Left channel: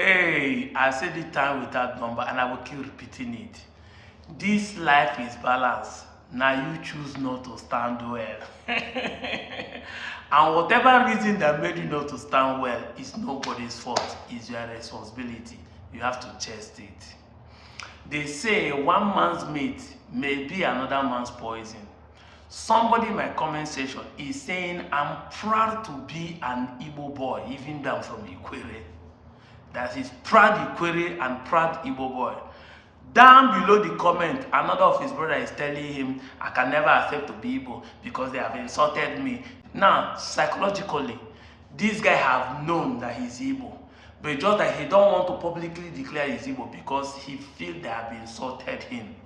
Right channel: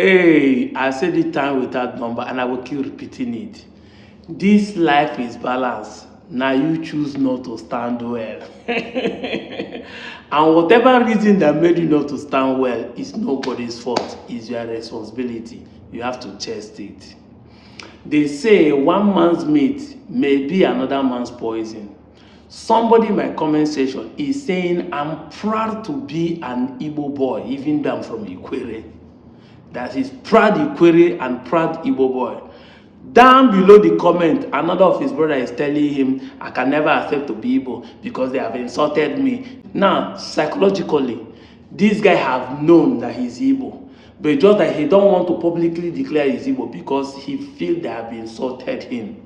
Hey, I said it time without number, and I will keep repeating it. This life is balanced. Now you choose not to stand well. And whatever reason that made you not to stand well is nobody's fault. It's your responsibility. You have to chest it. They say one man's meat may be another man's poison. Somebody in my comment section is saying, I'm proud to be an Igbo boy, even though I'm from Ikwere. That is proud Ikwere and proud Igbo boy. Down below the comment, another of his brothers is telling him, I can never accept to be Igbo because they have insulted me. Now, psychologically, this guy have known that he's Igbo, but just that he don't want to publicly declare he's Igbo because he feels they have insulted him.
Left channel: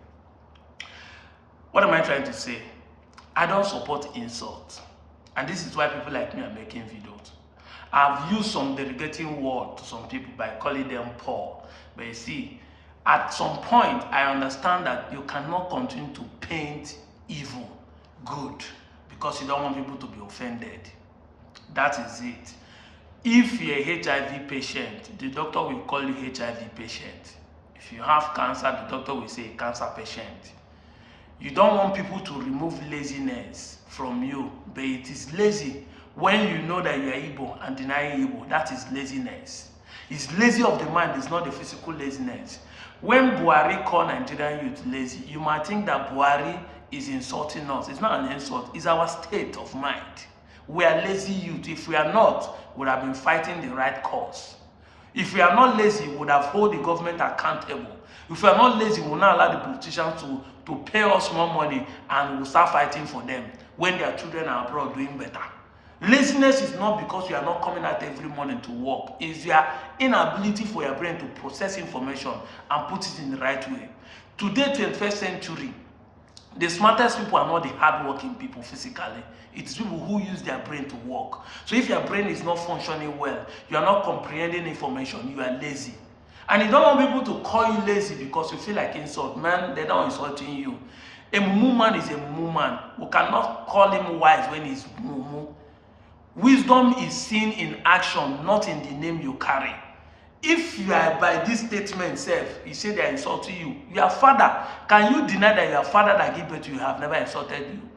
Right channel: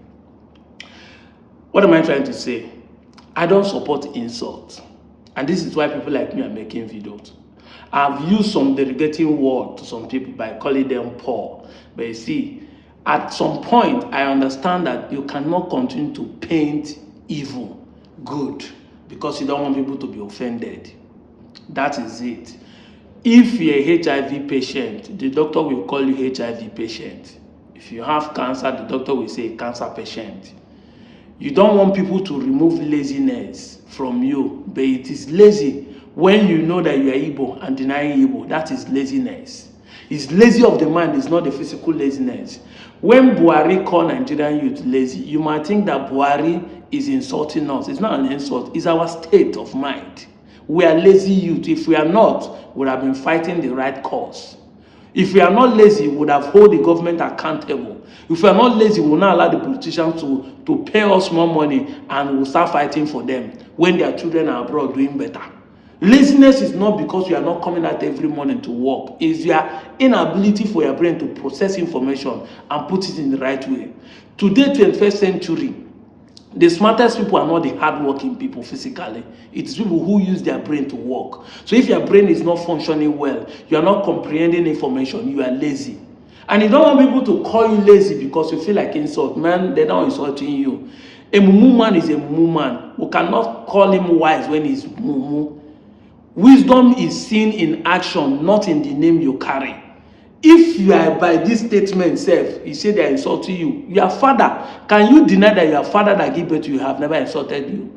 What am I trying to say? I don't support insult. And this is why people like me are making videos. I've used some derogating word to some people by calling them poor. But you see, at some point, I understand that you cannot continue to paint evil good because you don't want people to be offended. That is it. If you're a HIV patient, the doctor will call you HIV patient. If you have cancer, the doctor will say cancer patient. You don't want people to remove laziness from you, but it is lazy when you know that you are Igbo and denying Igbo. That is laziness. It's lazy of the mind, it's not the physical laziness. When Buhari called Nigerian youth lazy, you might think that Buhari is insulting us. It's not an insult, it's our state of mind. We are lazy youth. If we are not, we would have been fighting the right cause. If we are not lazy, we would have held the government accountable. If we are not lazy, we will not allow the politicians to pay us more money and we will start fighting for them when their children are abroad doing better. Laziness is not because you are not coming out every morning to work. It's your inability for your brain to process information and put it in the right way. Today, 21st century, the smartest people are not the hardworking people physically. It's people who use their brain to work. So if your brain is not functioning well, you are not comprehending information, you are lazy. And you don't want people to call you lazy because you feel like insult. Man, they're not insulting you. A mumu man is a mumu man. We cannot call him wise when he's mumu. Wisdom is seen in action, not in the name you carry. If you are by this statement self, you say they are insulting you. Your father, can you deny that your father that gave birth to you have never insulted you?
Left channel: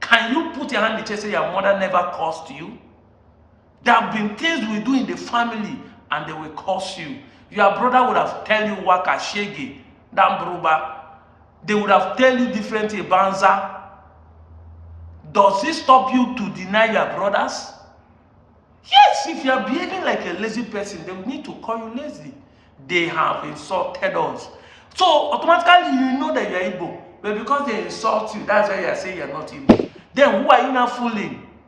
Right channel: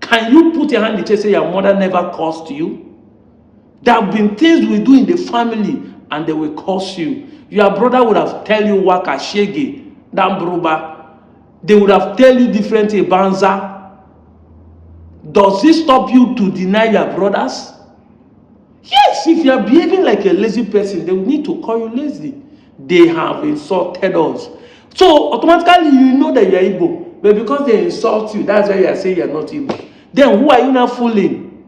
Can you put your hand in the chest and say your mother never cursed you? There have been things we do in the family and they will curse you. Your brother would have tell you waka shege, dambruba. They would have tell you different banza. Does it stop you to deny your brothers? Yes, if you are behaving like a lazy person, they will need to call you lazy. They have insulted us. So automatically you know that you are Igbo. But because they insult you, that's why you are saying you are not Igbo. Then who are you now fooling?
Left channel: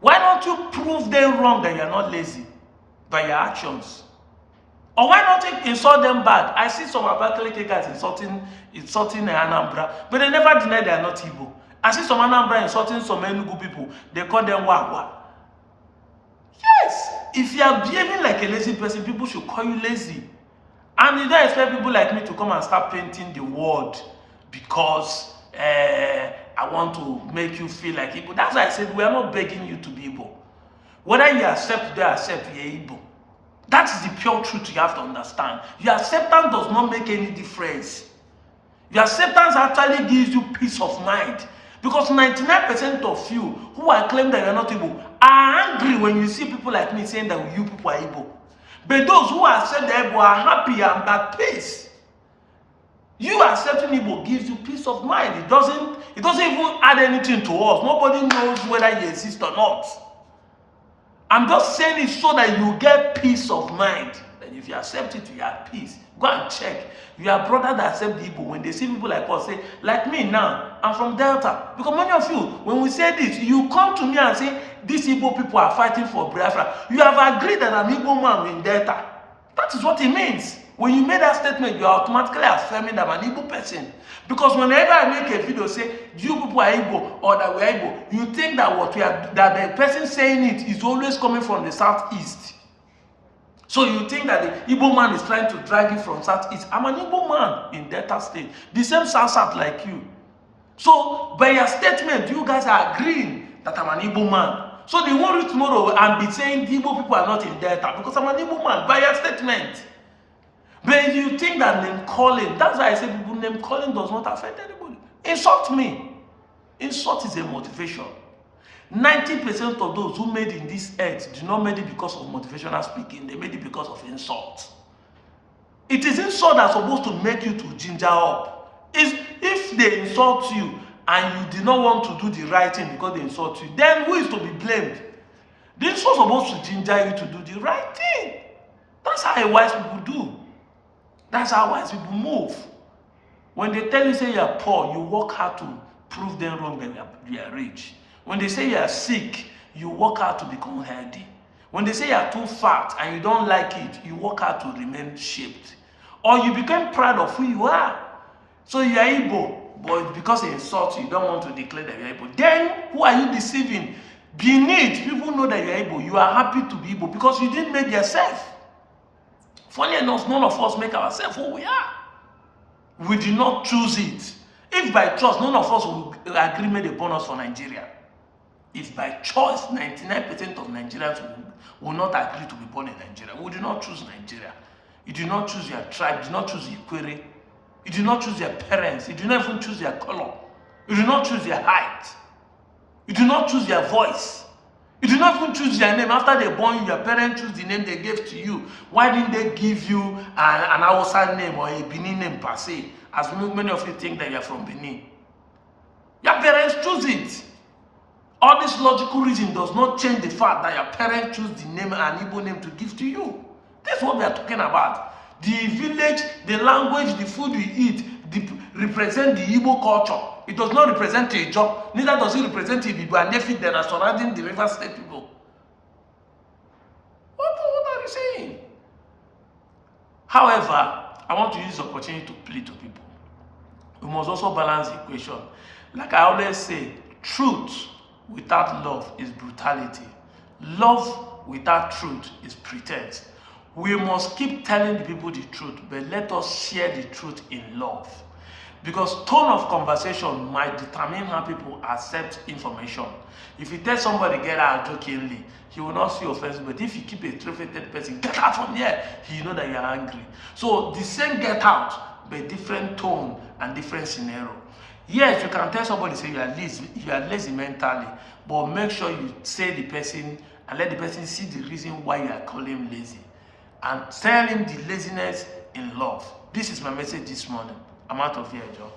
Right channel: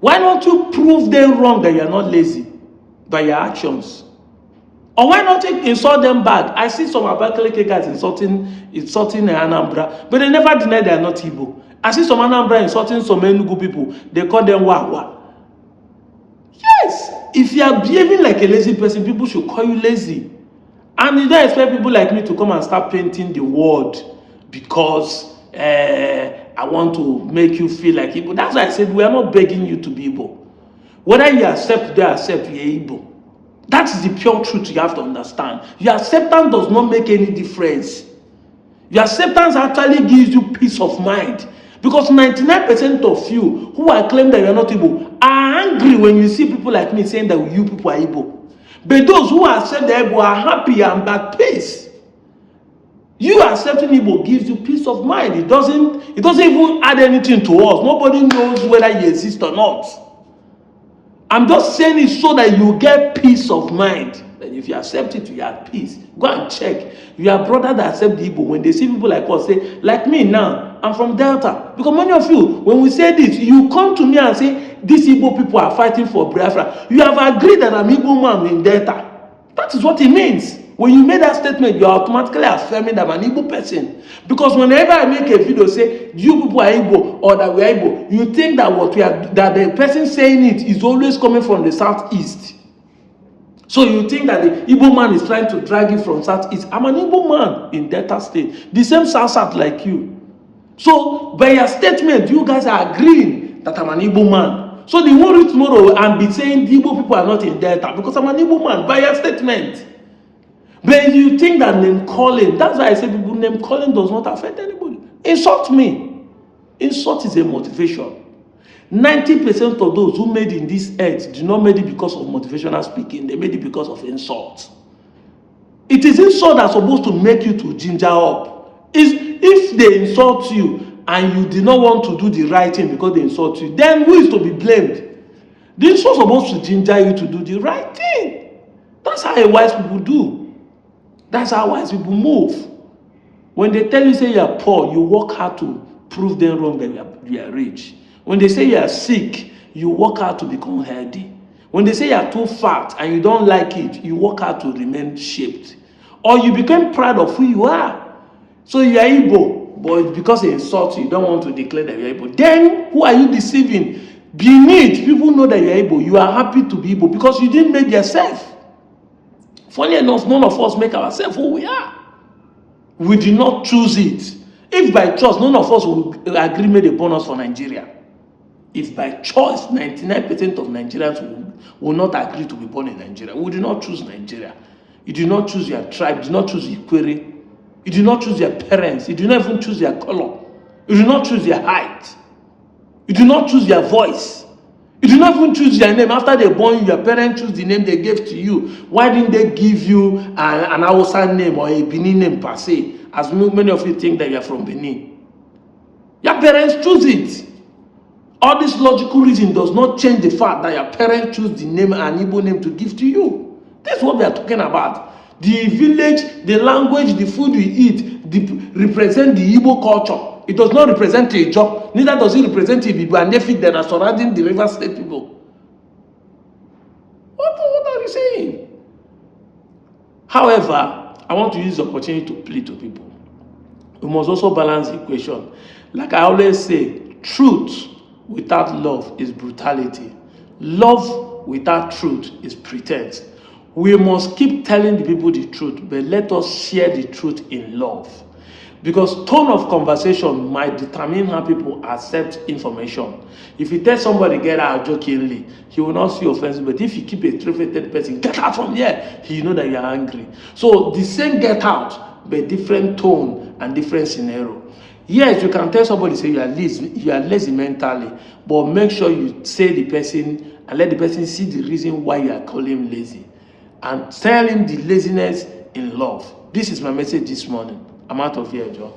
Why don't you prove them wrong that you are not lazy by your actions? Or why not insult them back? I see some Abakaliki guys insulting Anambra, but they never deny they are not Igbo. I see some Anambra insulting some Enugu people. They call them Wawa. Yes, if you are behaving like a lazy person, people should call you lazy. And you don't expect people like me to come and start painting the world because I want to make you feel like Igbo. That's why I said we are not begging you to be Igbo. Whether you accept, they accept, you're Igbo. That is the pure truth you have to understand. Your acceptance does not make any difference. Your acceptance actually gives you peace of mind. Because 99% of you who are claiming that you are not Igbo are angry when you see people like me saying that you people are Igbo. But those who accept the Igbo are happy and at peace. You accepting Igbo gives you peace of mind. It doesn't even add anything to us. Nobody knows whether you exist or not. I'm just saying it so that you get peace of mind. And if you accept it, you have peace. Go and check. Your brother that accept the Igbo, when they see people like us, say, like me now, I'm from Delta. Because many of you, when we say this, you come to me and say, these Igbo people are fighting for Biafra. You have agreed that I'm Igbo man in Delta. That is what it means. When you make that statement, you are automatically affirming that I'm an Igbo person. Because whenever I make a video say, you people are Igbo or that we are Igbo, you think that that the person saying it is always coming from the southeast. So you think that the Igbo man is trying to drag you from southeast. I'm an Igbo man in Delta State. The same south like you. So by your statement, you guys are agreeing that I'm an Igbo man. So they won't reach tomorrow and be saying the Igbo people are not in Delta because I'm an Igbo man by your statement. But you think that name calling, that's why I say people name calling does not affect anybody. Insult me. Insult is a motivation. 90% of those who made in this earth do not made it because of motivational speaking. They made it because of insult. It is insult that's supposed to make you to ginger up. If they insult you and you did not want to do the right thing because they insult you, then who is to be blamed? The insult is supposed to ginger you to do the right thing. That's how wise people do. That's how wise people move. When they tell you say you are poor, you work hard to prove them wrong that you are rich. When they say you are sick, you work hard to become healthy. When they say you are too fat and you don't like it, you work hard to remain shaped. Or you become proud of who you are. So you are Igbo, but because they insult you, you don't want to declare that you are Igbo. Then who are you deceiving? Beneath, people know that you are Igbo. You are happy to be Igbo because you didn't make yourself. Funny enough, none of us make ourselves who we are. We did not choose it. If by choice, none of us will agree made a bonus for Nigeria. If by choice, 99% of Nigerians will not agree to be born in Nigeria. We did not choose Nigeria. You did not choose your tribe. You did not choose your query. You did not choose your parents. You did not even choose your color. You did not choose your height. You did not choose your voice. You did not even choose your name. After they born you, your parents choose the name they gave to you. Why didn't they give you an Hausa name or a Benin name per se? As many of you think that you are from Benin. Your parents choose it. All this logical reason does not change the fact that your parents choose the name and Igbo name to give to you. That's what we are talking about. The village, the language, the food we eat represent the Igbo culture. It does not represent Ijo. Neither does it represent Ibibo and Nefik that are surrounding the River State people. What are you saying? However, I want to use the opportunity to plead to people. We must also balance the equation. Like I always say, truth without love is brutality. Love without truth is pretense. We must keep telling the people the truth, but let us share the truth in love. Because tone of conversation might determine how people accept information. If you tell somebody get out jokingly, he will not feel offensive. But if you keep a three-faced person, get out from here, he know that you are angry. So the same get out, but different tone and different scenario. Yes, you can tell somebody say you are lazy mentally, but make sure you say the person and let the person see the reason why you are calling him lazy. And tell him the laziness in love. This is my message this morning. I'm out of here, Joe.